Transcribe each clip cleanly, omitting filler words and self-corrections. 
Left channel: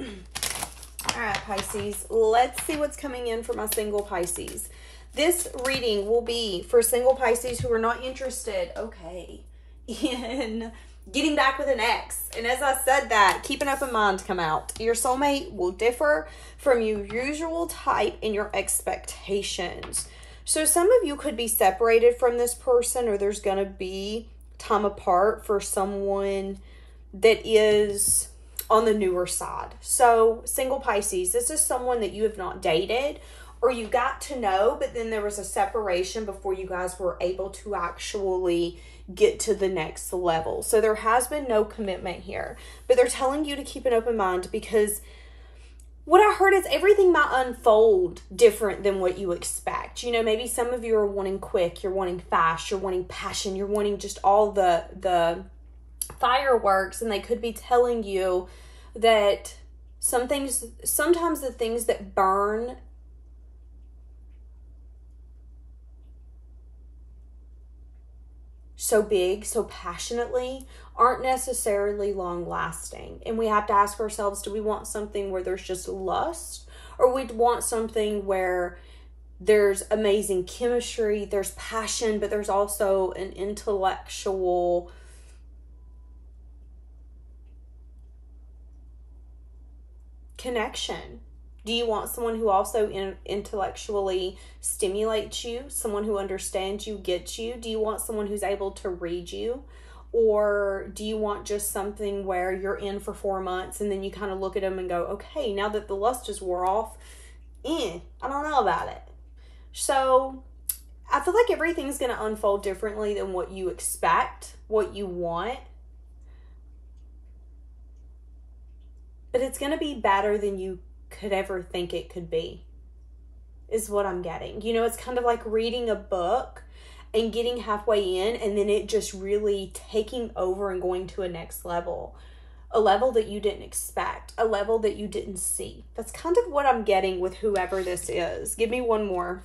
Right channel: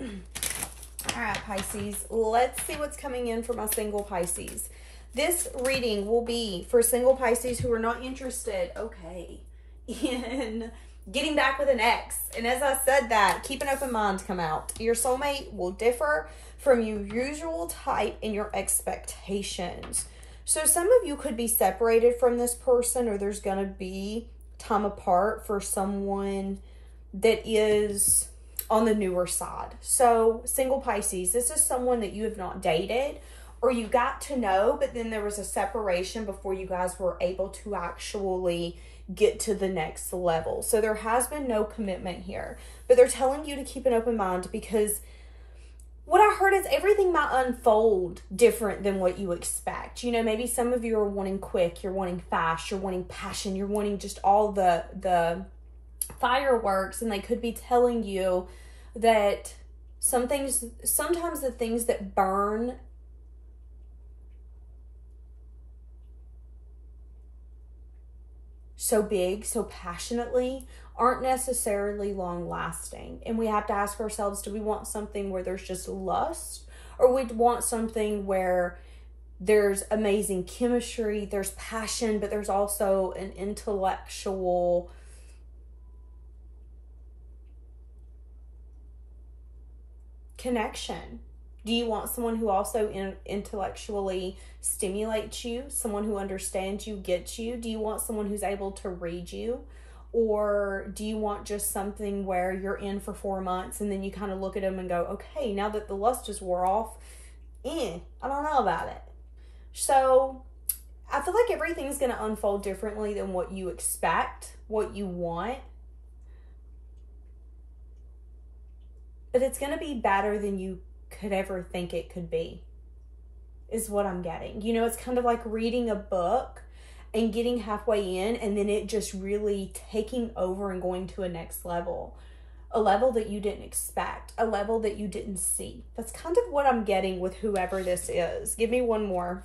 All right, Pisces, let's see what's coming in for my single Pisces. This reading will be for single Pisces who are not interested, okay, in getting back with an ex. And as I said that, keep an open mind to come out. Your soulmate will differ from your usual type in your expectations. So some of you could be separated from this person, or there's going to be time apart for someone that is on the newer side. So single Pisces, this is someone that you have not dated or you got to know, but then there was a separation before you guys were able to actually get to the next level. So there has been no commitment here, but they're telling you to keep an open mind, because what I heard is everything might unfold different than what you expect. You know, maybe some of you are wanting quick, you're wanting fast, you're wanting passion, you're wanting just all the fireworks, and they could be telling you that sometimes the things that burn so big, so passionately, aren't necessarily long lasting. And we have to ask ourselves, do we want something where there's just lust, or we want something where there's amazing chemistry, there's passion, but there's also an intellectual connection? Do you want someone who also intellectually stimulates you, someone who understands you, gets you? Do you want someone who's able to read you? Or do you want just something where you're in for 4 months and then you kind of look at them and go, okay, now that the lust just wore off, I don't know about it. So I feel like everything's going to unfold differently than what you expect, what you want. But it's going to be better than you could ever think it could be, is what I'm getting. You know, it's kind of like reading a book and getting halfway in and then it just really taking over and going to a next level. A level that you didn't expect. A level that you didn't see. That's kind of what I'm getting with whoever this is. Give me one more.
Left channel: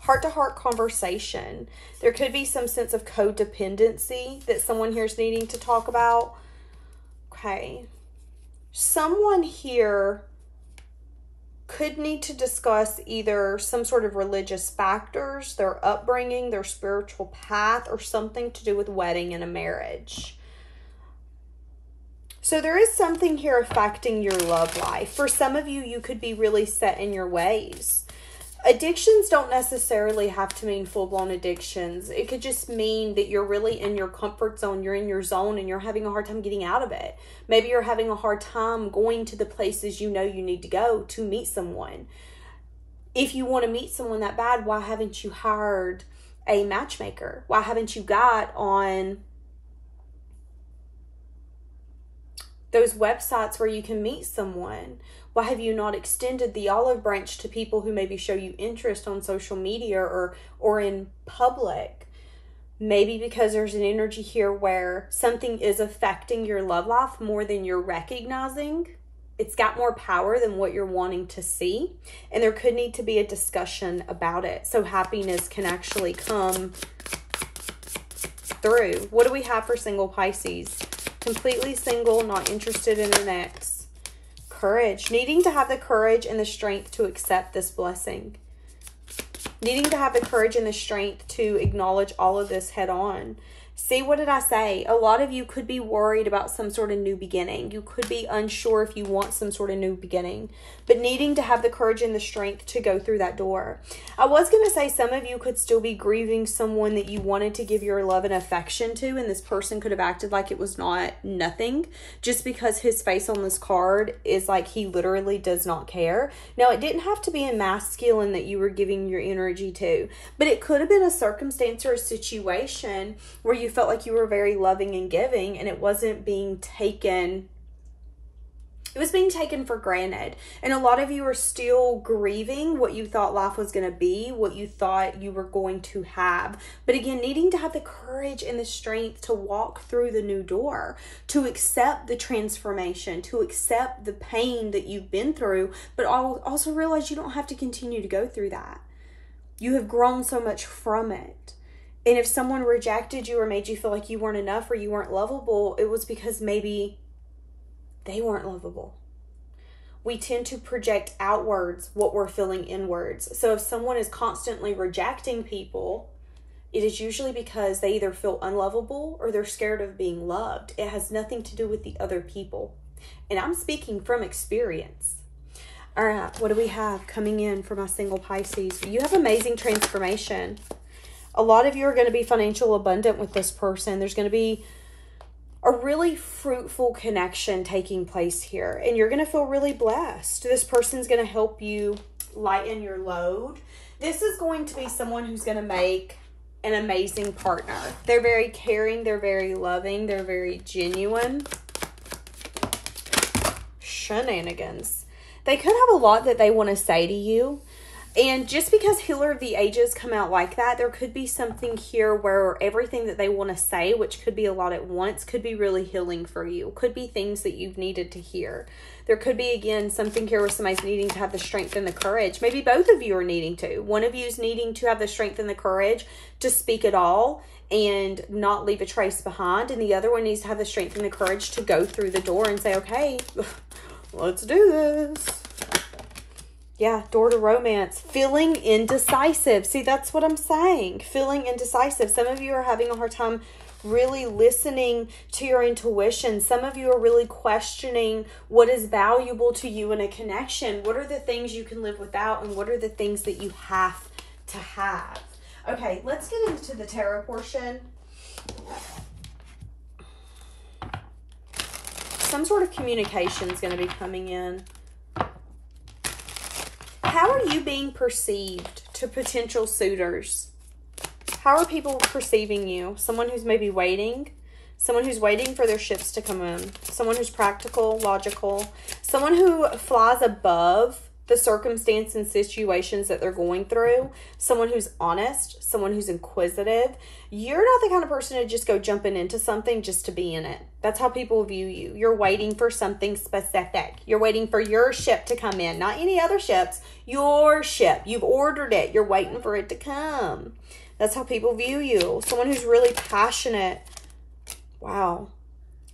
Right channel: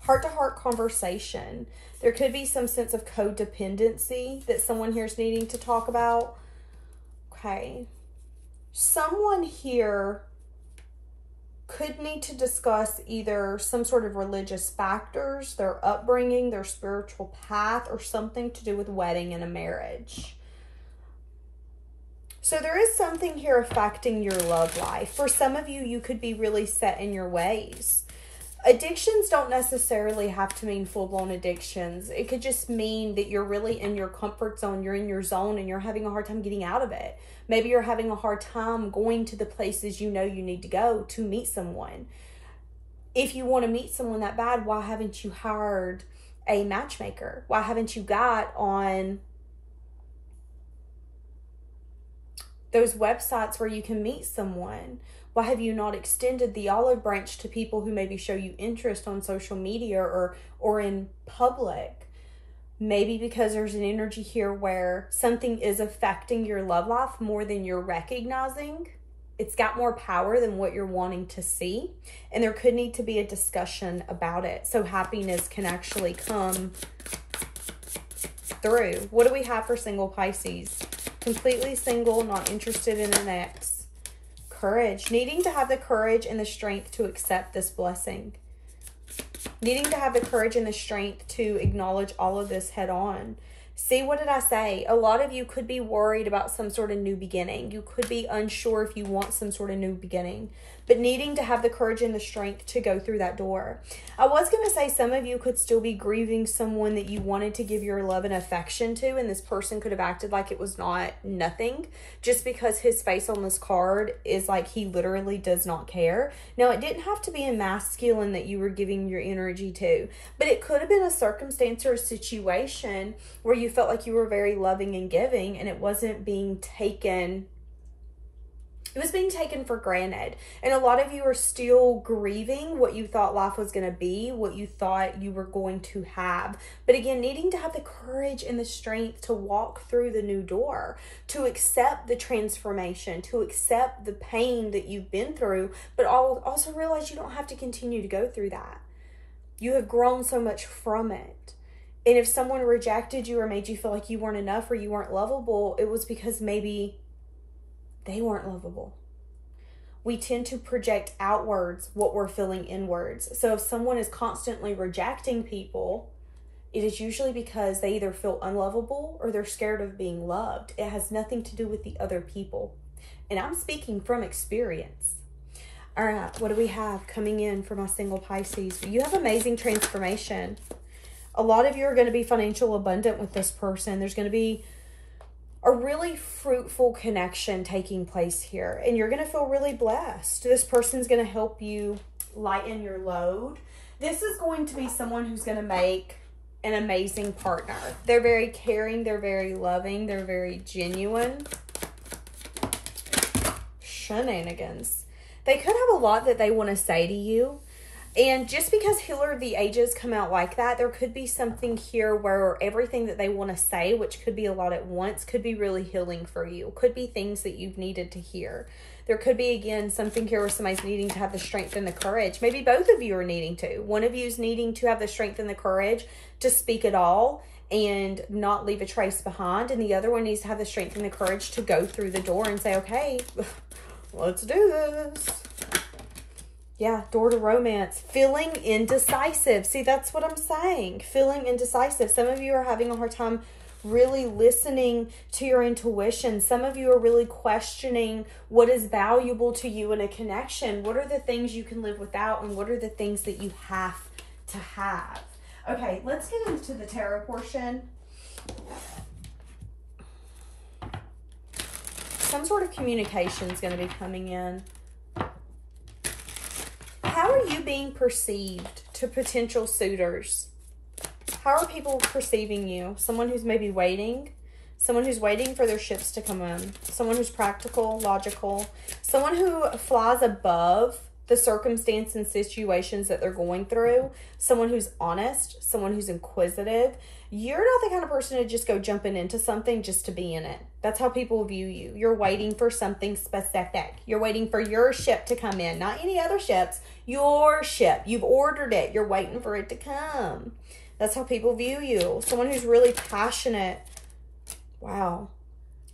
Heart-to-heart conversation. There could be some sense of codependency that someone here is needing to talk about. Okay. Someone here could need to discuss either some sort of religious factors, their upbringing, their spiritual path, or something to do with wedding and a marriage. So there is something here affecting your love life. For some of you, you could be really set in your ways. Addictions don't necessarily have to mean full-blown addictions. It could just mean that you're really in your comfort zone, you're in your zone, and you're having a hard time getting out of it. Maybe you're having a hard time going to the places you know you need to go to meet someone. If you want to meet someone that bad, why haven't you hired a matchmaker? Why haven't you got on those websites where you can meet someone? Why have you not extended the olive branch to people who maybe show you interest on social media or in public? Maybe because there's an energy here where something is affecting your love life more than you're recognizing. It's got more power than what you're wanting to see. And there could need to be a discussion about it so happiness can actually come through. What do we have for single Pisces? Completely single, not interested in an ex. Courage. Needing to have the courage and the strength to accept this blessing. Needing to have the courage and the strength to acknowledge all of this head on. See, what did I say? A lot of you could be worried about some sort of new beginning. You could be unsure if you want some sort of new beginning, but needing to have the courage and the strength to go through that door. I was going to say some of you could still be grieving someone that you wanted to give your love and affection to, and this person could have acted like it was nothing, just because his face on this card is like he literally does not care. Now, it didn't have to be a masculine that you were giving your energy to, but it could have been a circumstance or a situation where you felt like you were very loving and giving, and it wasn't being taken. It was being taken for granted. And a lot of you are still grieving what you thought life was going to be, what you thought you were going to have. But again, needing to have the courage and the strength to walk through the new door, to accept the transformation, to accept the pain that you've been through, but also realize you don't have to continue to go through that. You have grown so much from it. And if someone rejected you or made you feel like you weren't enough or you weren't lovable, it was because maybe they weren't lovable. We tend to project outwards what we're feeling inwards. So if someone is constantly rejecting people, it is usually because they either feel unlovable or they're scared of being loved. It has nothing to do with the other people. And I'm speaking from experience. All right, what do we have coming in for my single Pisces? You have amazing transformation. A lot of you are going to be financial abundant with this person. There's going to be a really fruitful connection taking place here, and you're going to feel really blessed. This person's going to help you lighten your load. This is going to be someone who's going to make an amazing partner. They're very caring, they're very loving, they're very genuine. Shenanigans. They could have a lot that they want to say to you. And just because Healer of the Ages come out like that, there could be something here where everything that they want to say, which could be a lot at once, could be really healing for you. Could be things that you've needed to hear. There could be, again, something here where somebody's needing to have the strength and the courage. Maybe both of you are needing to. One of you is needing to have the strength and the courage to speak it all and not leave a trace behind. And the other one needs to have the strength and the courage to go through the door and say, okay, let's do this. Yeah, door to romance. Feeling indecisive. See, that's what I'm saying. Feeling indecisive. Some of you are having a hard time really listening to your intuition. Some of you are really questioning what is valuable to you in a connection. What are the things you can live without, and what are the things that you have to have? Okay, let's get into the tarot portion. Some sort of communication is going to be coming in. How are you being perceived to potential suitors? How are people perceiving you? Someone who's maybe waiting. Someone who's waiting for their ships to come in. Someone who's practical, logical. Someone who flies above the circumstance and situations that they're going through. Someone who's honest. Someone who's inquisitive. You're not the kind of person to just go jumping into something just to be in it. That's how people view you. You're waiting for something specific. You're waiting for your ship to come in. Not any other ships. Your ship. You've ordered it. You're waiting for it to come. That's how people view you. Someone who's really passionate. Wow.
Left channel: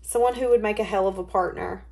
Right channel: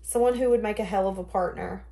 Someone who would make a hell of a partner.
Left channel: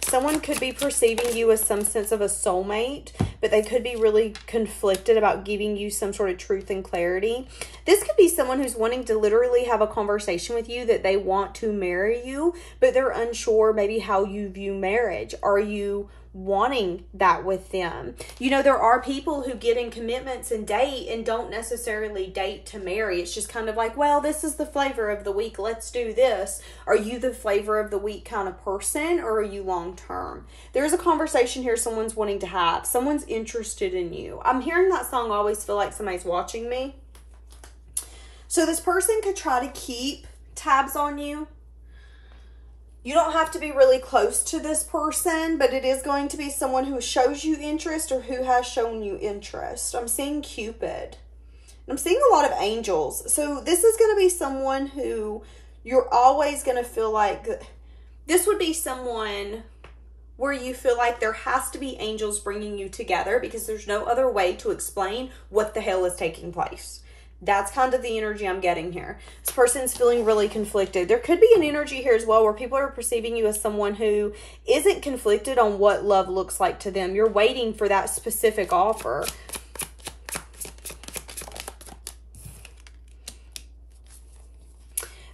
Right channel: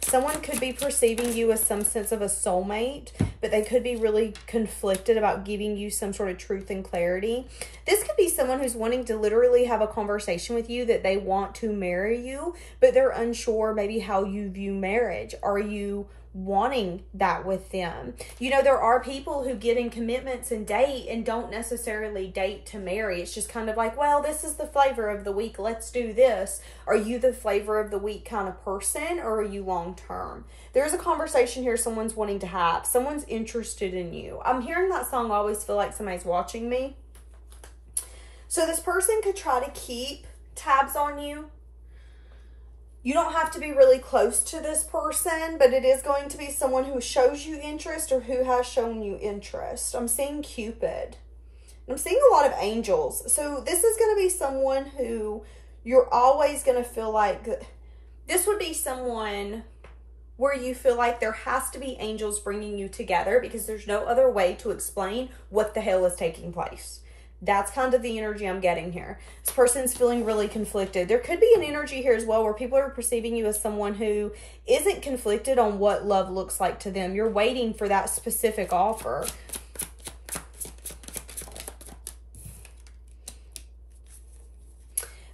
Someone could be perceiving you as some sense of a soulmate, but they could be really conflicted about giving you some sort of truth and clarity. This could be someone who's wanting to literally have a conversation with you that they want to marry you, but they're unsure maybe how you view marriage. Are you wanting that with them? You know, there are people who get in commitments and date and don't necessarily date to marry. It's just kind of like, well, this is the flavor of the week, let's do this. Are you the flavor of the week kind of person, or are you long term? There's a conversation here someone's wanting to have. Someone's interested in you. I'm hearing that song, Always Feel Like Somebody's Watching Me. So this person could try to keep tabs on you. You don't have to be really close to this person, but it is going to be someone who shows you interest or who has shown you interest. I'm seeing Cupid. I'm seeing a lot of angels. So this is going to be someone who you're always going to feel like, this would be someone where you feel like there has to be angels bringing you together, because there's no other way to explain what the hell is taking place. That's kind of the energy I'm getting here. This person's feeling really conflicted. There could be an energy here as well where people are perceiving you as someone who isn't conflicted on what love looks like to them. You're waiting for that specific offer.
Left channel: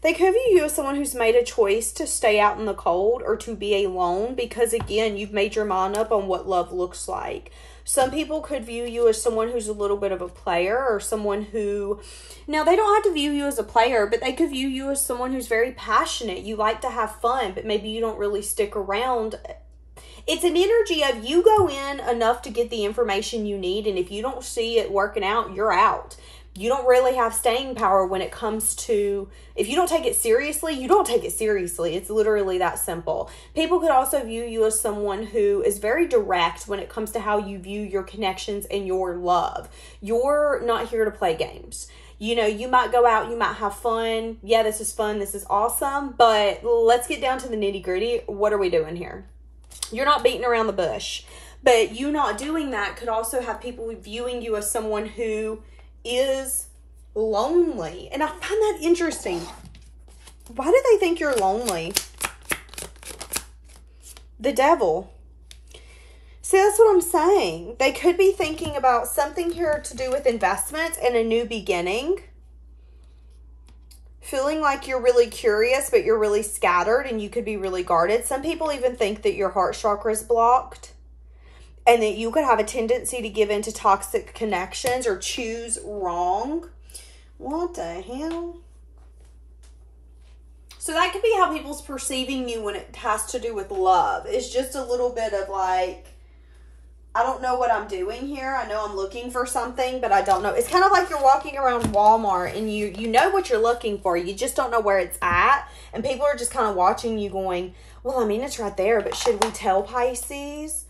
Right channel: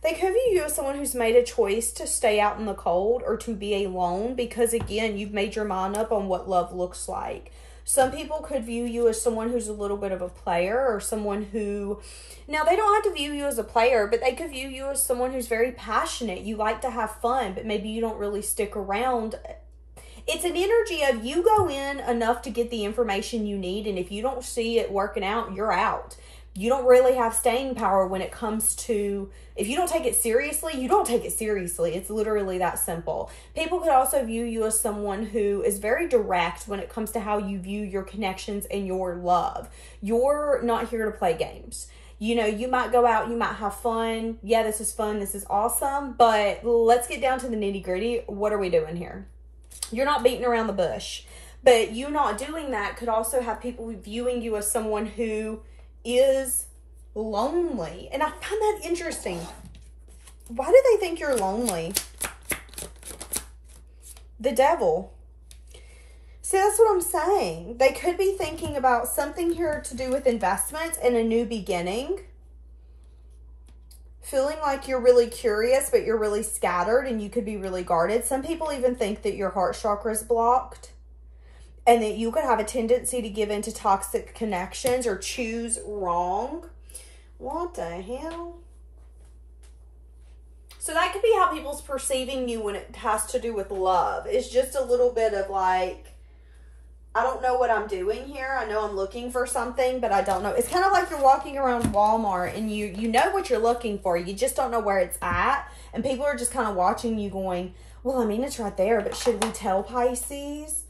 They could view you as someone who's made a choice to stay out in the cold or to be alone because, again, you've made your mind up on what love looks like. Some people could view you as someone who's a little bit of a player, or someone who, now they don't have to view you as a player, but they could view you as someone who's very passionate. You like to have fun, but maybe you don't really stick around. It's an energy of you go in enough to get the information you need, and if you don't see it working out, you're out. You don't really have staying power when it comes to, if you don't take it seriously, you don't take it seriously. It's literally that simple. People could also view you as someone who is very direct when it comes to how you view your connections and your love. You're not here to play games. You know, you might go out, you might have fun. Yeah, this is fun, this is awesome, but let's get down to the nitty gritty. What are we doing here? You're not beating around the bush, but you not doing that could also have people viewing you as someone who is lonely. And I find that interesting. Why do they think you're lonely? The Devil. See, that's what I'm saying. They could be thinking about something here to do with investments and a new beginning. Feeling like you're really curious, but you're really scattered and you could be really guarded. Some people even think that your heart chakra is blocked and that you could have a tendency to give into toxic connections or choose wrong. What the hell? So that could be how people's perceiving you when it has to do with love. It's just a little bit of like, I don't know what I'm doing here. I know I'm looking for something, but I don't know. It's kind of like you're walking around Walmart and you know what you're looking for. You just don't know where it's at. And people are just kind of watching you going, well, I mean, it's right there, but should we tell Pisces?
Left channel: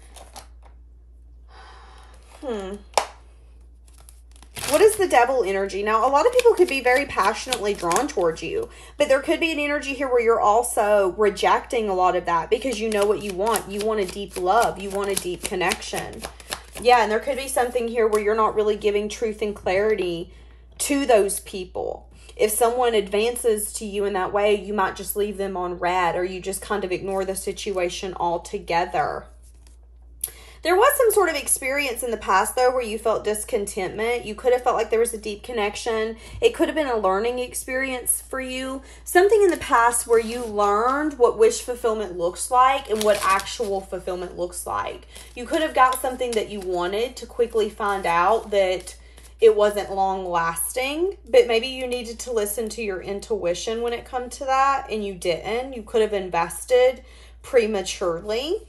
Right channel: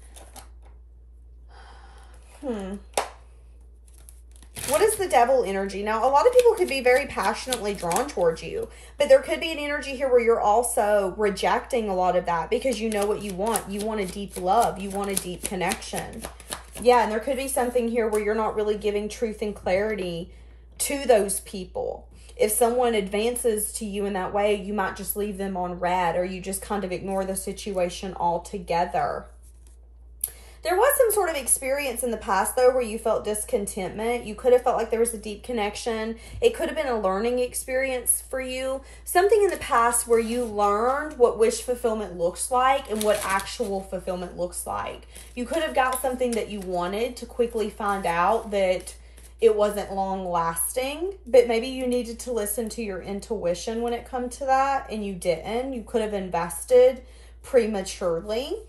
What is the Devil energy? Now, a lot of people could be very passionately drawn towards you, but there could be an energy here where you're also rejecting a lot of that because you know what you want. You want a deep love. You want a deep connection. Yeah, and there could be something here where you're not really giving truth and clarity to those people. If someone advances to you in that way, you might just leave them on red or you just kind of ignore the situation altogether. There was some sort of experience in the past, though, where you felt discontentment. You could have felt like there was a deep connection. It could have been a learning experience for you. Something in the past where you learned what wish fulfillment looks like and what actual fulfillment looks like. You could have got something that you wanted to quickly find out that it wasn't long lasting, but maybe you needed to listen to your intuition when it comes to that, and you didn't. You could have invested prematurely.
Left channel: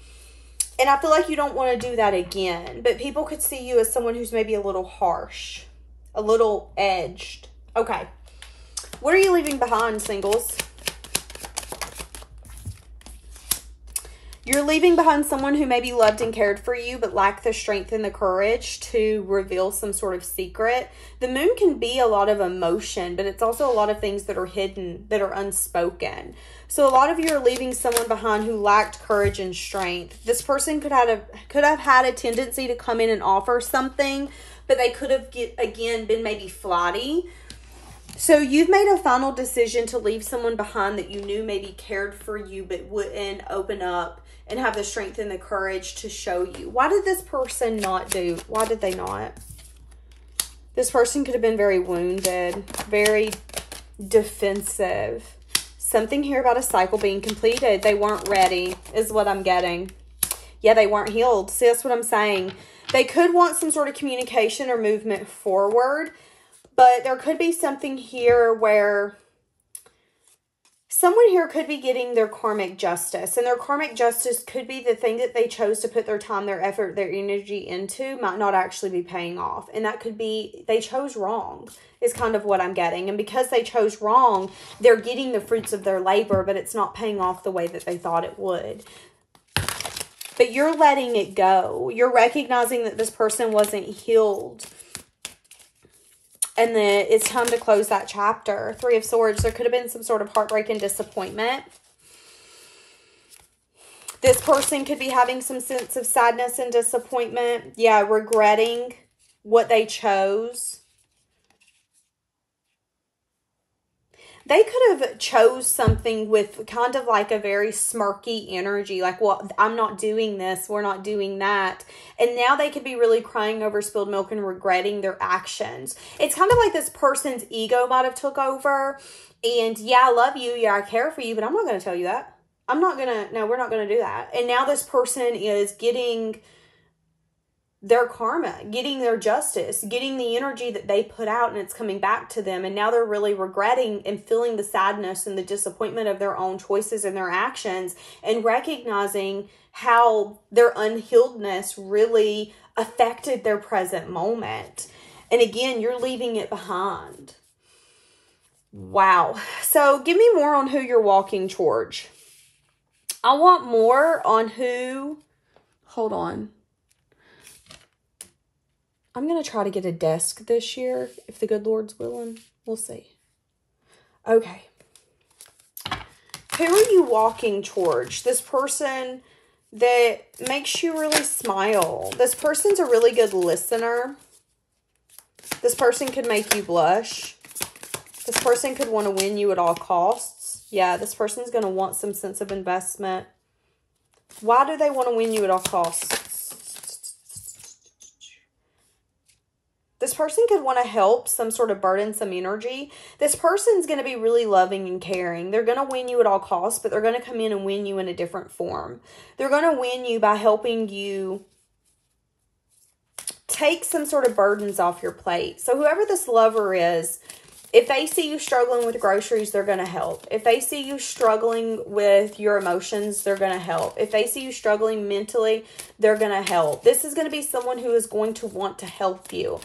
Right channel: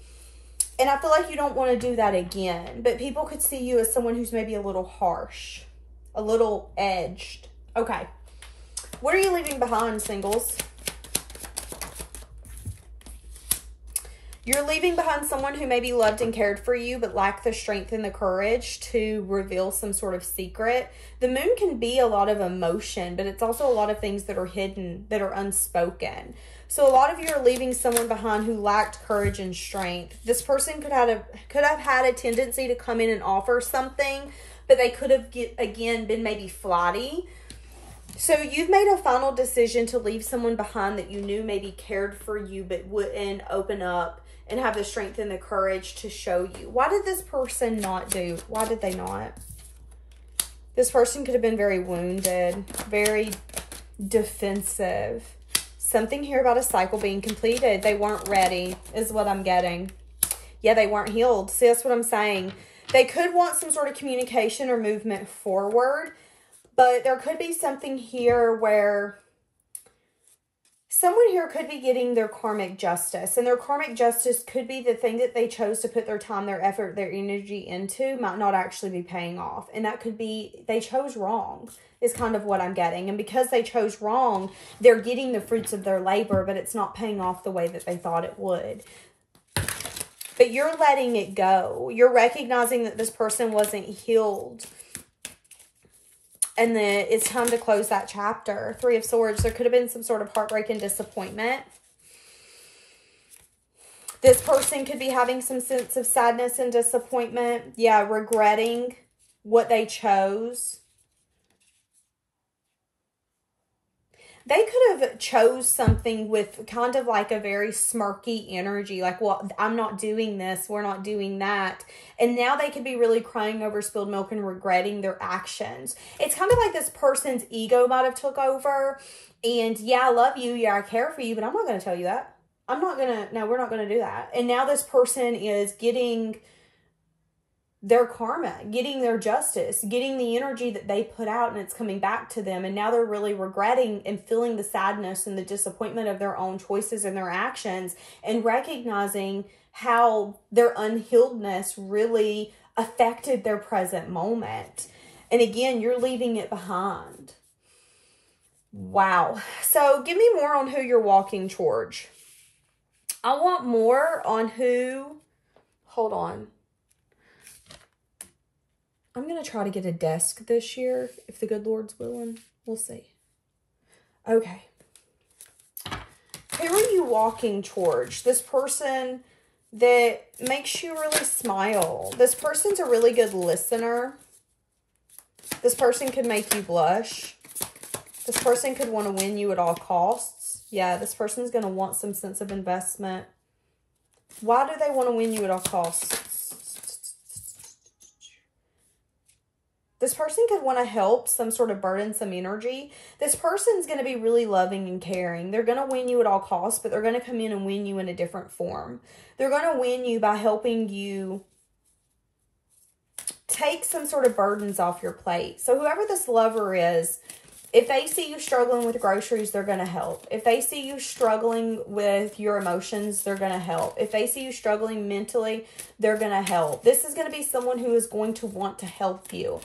And I feel like you don't want to do that again. But people could see you as someone who's maybe a little harsh. A little edged. Okay. What are you leaving behind, singles? You're leaving behind someone who maybe loved and cared for you, but lacked the strength and the courage to reveal some sort of secret. The moon can be a lot of emotion, but it's also a lot of things that are hidden, that are unspoken. So a lot of you are leaving someone behind who lacked courage and strength. This person could have had a tendency to come in and offer something, but they could have, again, been maybe flighty. So you've made a final decision to leave someone behind that you knew maybe cared for you, but wouldn't open up and have the strength and the courage to show you. Why did this person not do? Why did they not? This person could have been very wounded, very defensive. Something here about a cycle being completed. They weren't ready is what I'm getting. Yeah, they weren't healed. See, that's what I'm saying. They could want some sort of communication or movement forward, but there could be something here where someone here could be getting their karmic justice, and their karmic justice could be the thing that they chose to put their time, their effort, their energy into might not actually be paying off. And that could be they chose wrong is kind of what I'm getting. And because they chose wrong, they're getting the fruits of their labor, but it's not paying off the way that they thought it would. But you're letting it go. You're recognizing that this person wasn't healed. And then it's time to close that chapter. Three of Swords. There could have been some sort of heartbreak and disappointment. This person could be having some sense of sadness and disappointment. Yeah, regretting what they chose. They could have chose something with kind of like a very smirky energy. Like, well, I'm not doing this. We're not doing that. And now they could be really crying over spilled milk and regretting their actions. It's kind of like this person's ego might have took over. And yeah, I love you. Yeah, I care for you. But I'm not going to tell you that. I'm not going to. No, we're not going to do that. And now this person is getting their karma, getting their justice, getting the energy that they put out, and it's coming back to them. And now they're really regretting and feeling the sadness and the disappointment of their own choices and their actions, and recognizing how their unhealedness really affected their present moment. And again, you're leaving it behind. Wow. So give me more on who you're walking towards. I want more on who, hold on. I'm going to try to get a desk this year, if the good Lord's willing. We'll see. Okay. Who are you walking towards? This person that makes you really smile. This person's a really good listener. This person could make you blush. This person could want to win you at all costs. Yeah, this person's going to want some sense of investment. Why do they want to win you at all costs? This person could want to help some sort of burdensome energy. This person's going to be really loving and caring. They're going to win you at all costs, but they're going to come in and win you in a different form. They're going to win you by helping you take some sort of burdens off your plate. So whoever this lover is, if they see you struggling with groceries, they're going to help. If they see you struggling with your emotions, they're going to help. If they see you struggling mentally, they're going to help. This is going to be someone who is going to want to help you,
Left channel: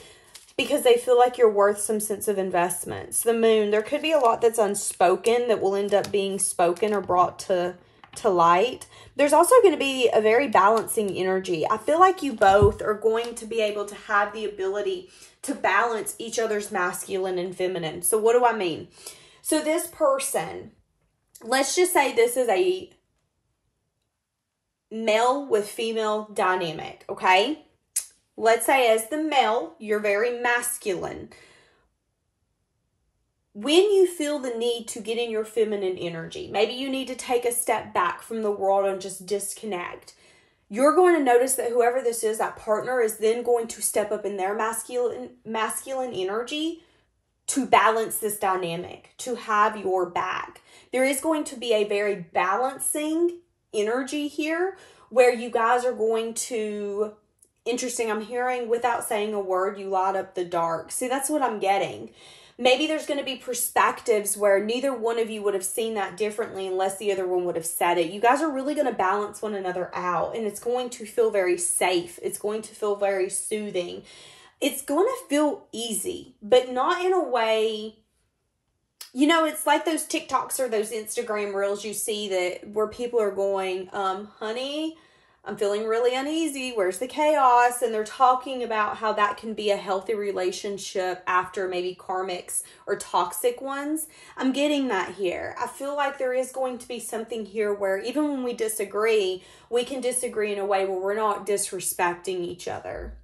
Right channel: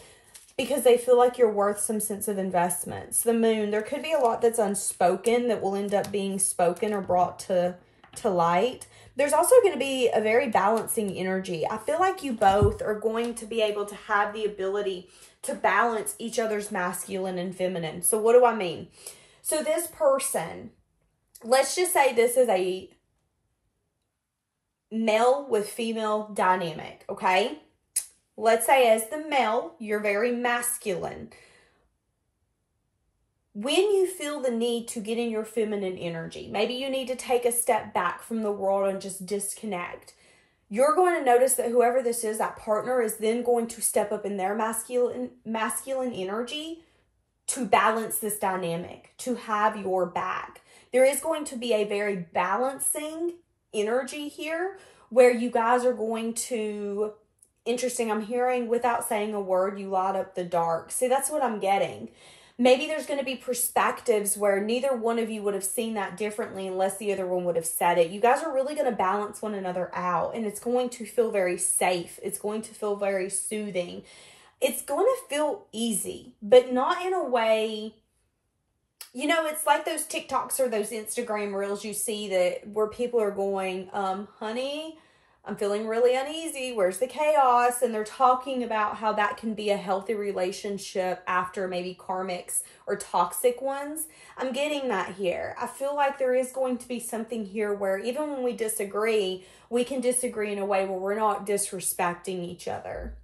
because they feel like you're worth some sense of investments. The moon, there could be a lot that's unspoken that will end up being spoken or brought to light. There's also going to be a very balancing energy. I feel like you both are going to be able to have the ability to balance each other's masculine and feminine. So what do I mean? So this person, let's just say this is a male with female dynamic, okay? Let's say as the male, you're very masculine. When you feel the need to get in your feminine energy, maybe you need to take a step back from the world and just disconnect. You're going to notice that whoever this is, that partner, is then going to step up in their masculine energy to balance this dynamic, to have your back. There is going to be a very balancing energy here where you guys are going to... Interesting, I'm hearing without saying a word, you light up the dark. See, that's what I'm getting. Maybe there's going to be perspectives where neither one of you would have seen that differently unless the other one would have said it. You guys are really going to balance one another out, and it's going to feel very safe. It's going to feel very soothing. It's going to feel easy, but not in a way... You know, it's like those TikToks or those Instagram reels you see that where people are going, honey... I'm feeling really uneasy. Where's the chaos? And they're talking about how that can be a healthy relationship after maybe karmics or toxic ones. I'm getting that here. I feel like there is going to be something here where even when we disagree, we can disagree in a way where we're not disrespecting each other.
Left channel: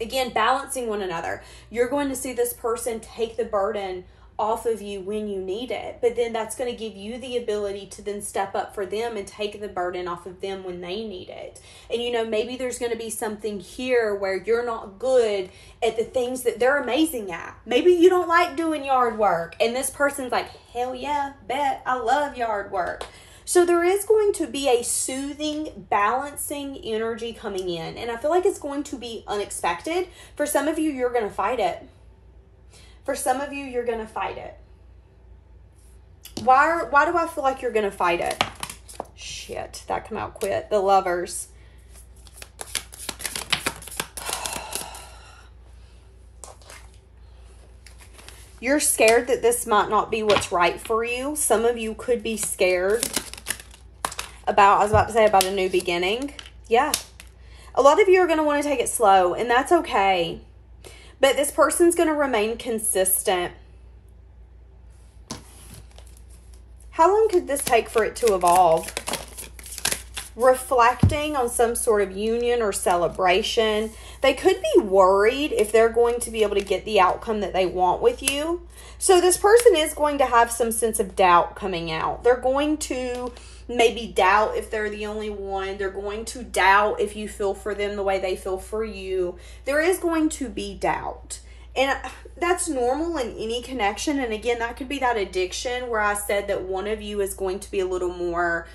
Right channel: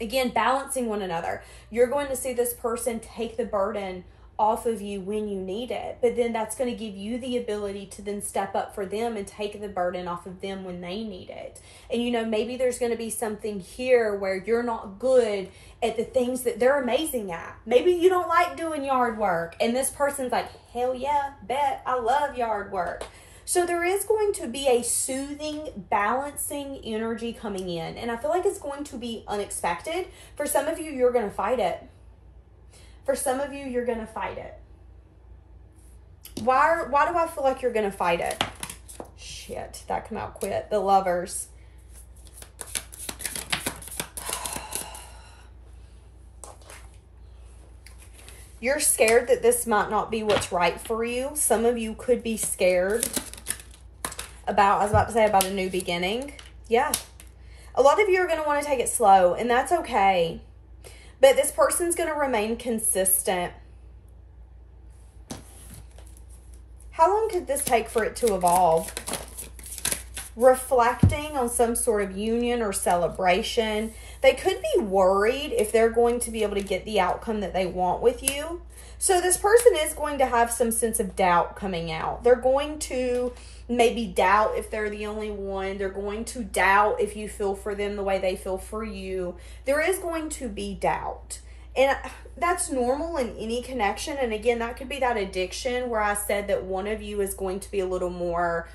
Again, balancing one another. You're going to see this person take the burden off of you when you need it, but then that's going to give you the ability to then step up for them and take the burden off of them when they need it. And you know, maybe there's going to be something here where you're not good at the things that they're amazing at. Maybe you don't like doing yard work, and this person's like, hell yeah, bet, I love yard work. So there is going to be a soothing, balancing energy coming in, and I feel like it's going to be unexpected. For some of you, you're going to fight it. For some of you, you're going to fight it. Why do I feel like you're going to fight it? Shit, that come out quick. The Lovers. You're scared that this might not be what's right for you. Some of you could be scared about, I was about to say, about a new beginning. Yeah. A lot of you are going to want to take it slow, and that's okay. But this person's going to remain consistent. How long could this take for it to evolve? Reflecting on some sort of union or celebration. They could be worried if they're going to be able to get the outcome that they want with you. So this person is going to have some sense of doubt coming out. They're going to maybe doubt if they're the only one. They're going to doubt if you feel for them the way they feel for you. There is going to be doubt. And that's normal in any connection. And again, that could be that addiction where I said that one of you is going to be a little more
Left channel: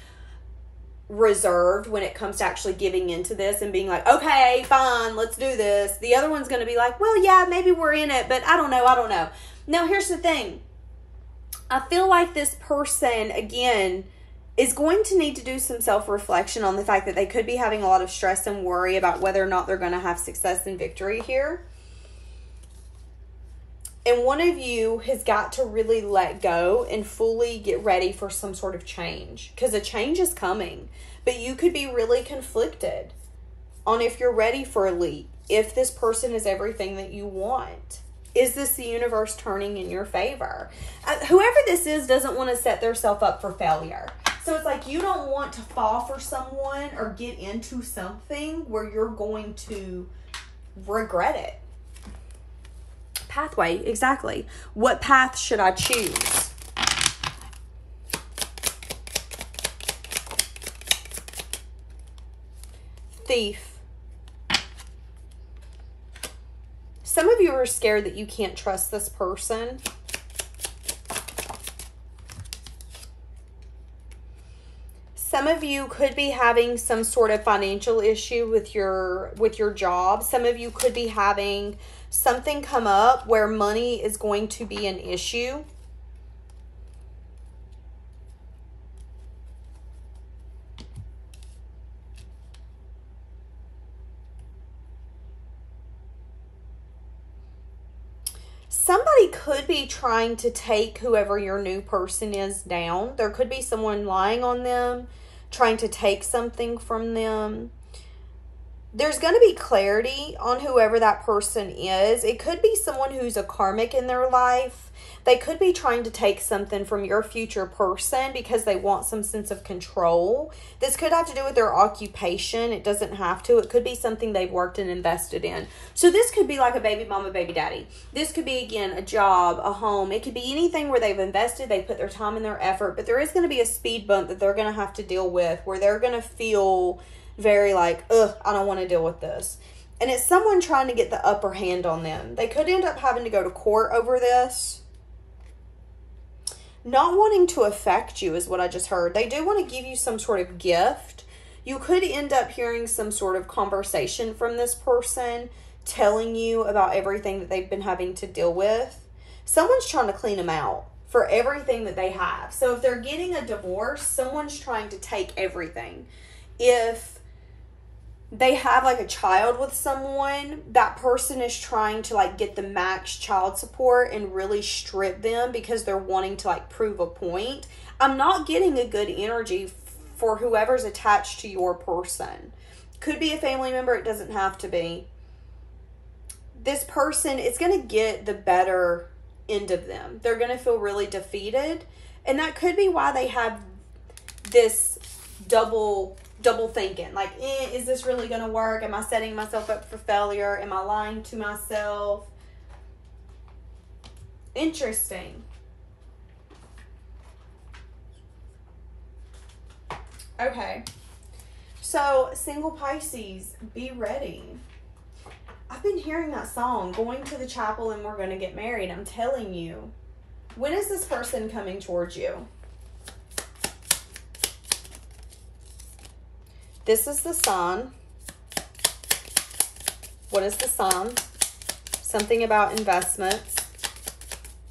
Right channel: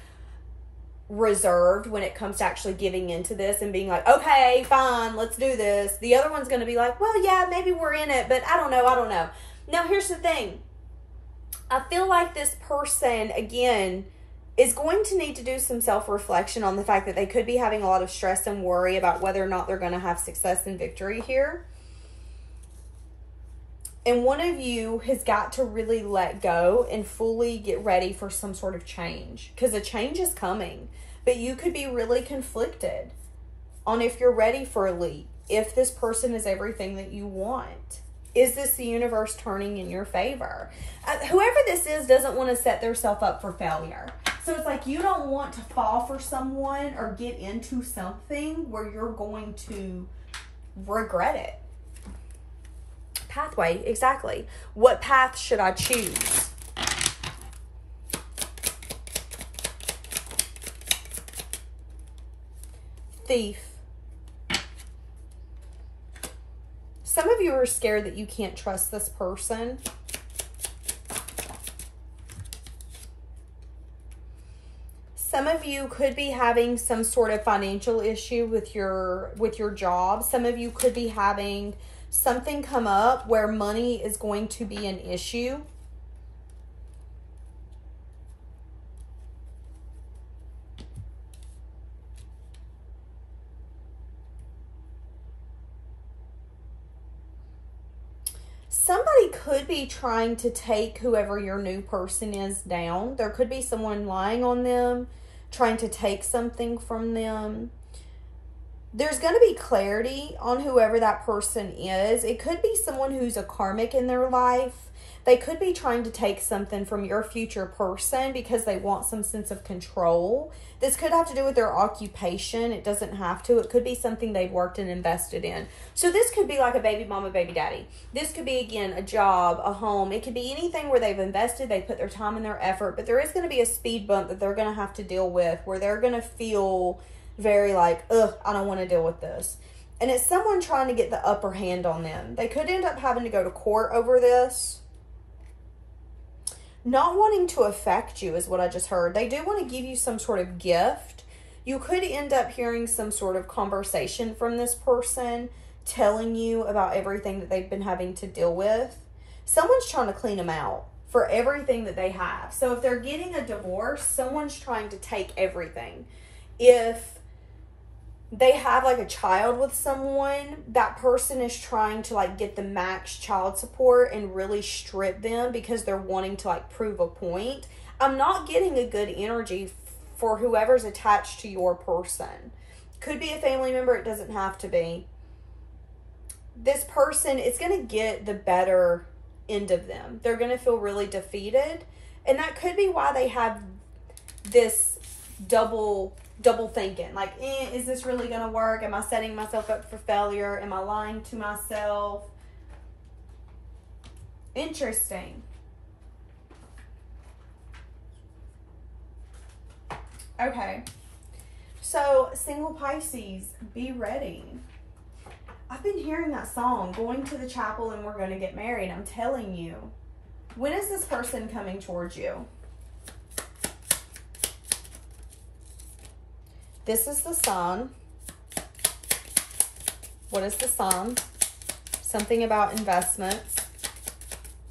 reserved when it comes to actually giving into this and being like, okay, fine, let's do this. The other one's going to be like, well, yeah, maybe we're in it, but I don't know. Now, here's the thing. I feel like this person, again, is going to need to do some self-reflection on the fact that they could be having a lot of stress and worry about whether or not they're going to have success and victory here. And one of you has got to really let go and fully get ready for some sort of change, because a change is coming. But you could be really conflicted on if you're ready for a leap, if this person is everything that you want. Is this the universe turning in your favor? Whoever this is doesn't want to set themselves up for failure. So it's like you don't want to fall for someone or get into something where you're going to regret it. Pathway, exactly. What path should I choose? Thief. Some of you are scared that you can't trust this person. Some of you could be having some sort of financial issue with your job. Some of you could be having something come up where money is going to be an issue. Somebody could be trying to take whoever your new person is down. There could be someone lying on them, trying to take something from them. There's going to be clarity on whoever that person is. It could be someone who's a karmic in their life. They could be trying to take something from your future person because they want some sense of control. This could have to do with their occupation. It doesn't have to. It could be something they've worked and invested in. So this could be like a baby mama, baby daddy. This could be, again, a job, a home. It could be anything where they've invested, they put their time and their effort, but there is going to be a speed bump that they're going to have to deal with where they're going to feel very like, ugh, I don't want to deal with this. And it's someone trying to get the upper hand on them. They could end up having to go to court over this. Not wanting to affect you is what I just heard. They do want to give you some sort of gift. You could end up hearing some sort of conversation from this person telling you about everything that they've been having to deal with. Someone's trying to clean them out for everything that they have. So if they're getting a divorce, someone's trying to take everything. If they have like a child with someone, that person is trying to like get the max child support and really strip them because they're wanting to like prove a point. I'm not getting a good energy for whoever's attached to your person. Could be a family member. It doesn't have to be. This person, it's going to get the better end of them. They're going to feel really defeated. And that could be why they have this double thinking. Like, is this really going to work? Am I setting myself up for failure? Am I lying to myself? Interesting. Okay. So, single Pisces, be ready. I've been hearing that song, Going to the Chapel and We're Gonna Get Married. I'm telling you. When is this person coming towards you? This is the sign. What is the sign? Something about investments.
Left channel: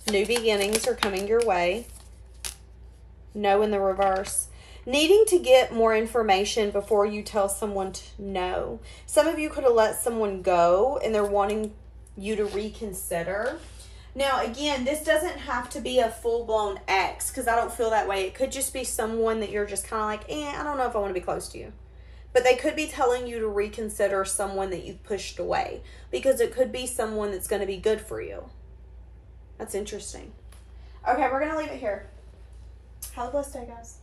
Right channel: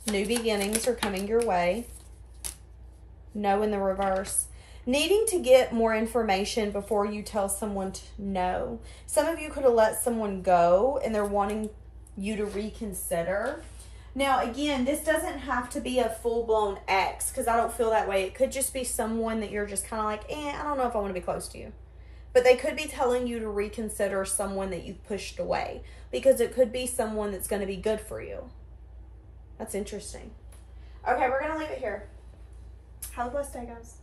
New beginnings are coming your way. No in the reverse. Needing to get more information before you tell someone to no. Some of you could have let someone go and they're wanting you to reconsider. Now, again, this doesn't have to be a full-blown ex because I don't feel that way. It could just be someone that you're just kind of like, I don't know if I want to be close to you. But they could be telling you to reconsider someone that you've pushed away because it could be someone that's going to be good for you. That's interesting. Okay, we're going to leave it here. Have a blessed day, guys.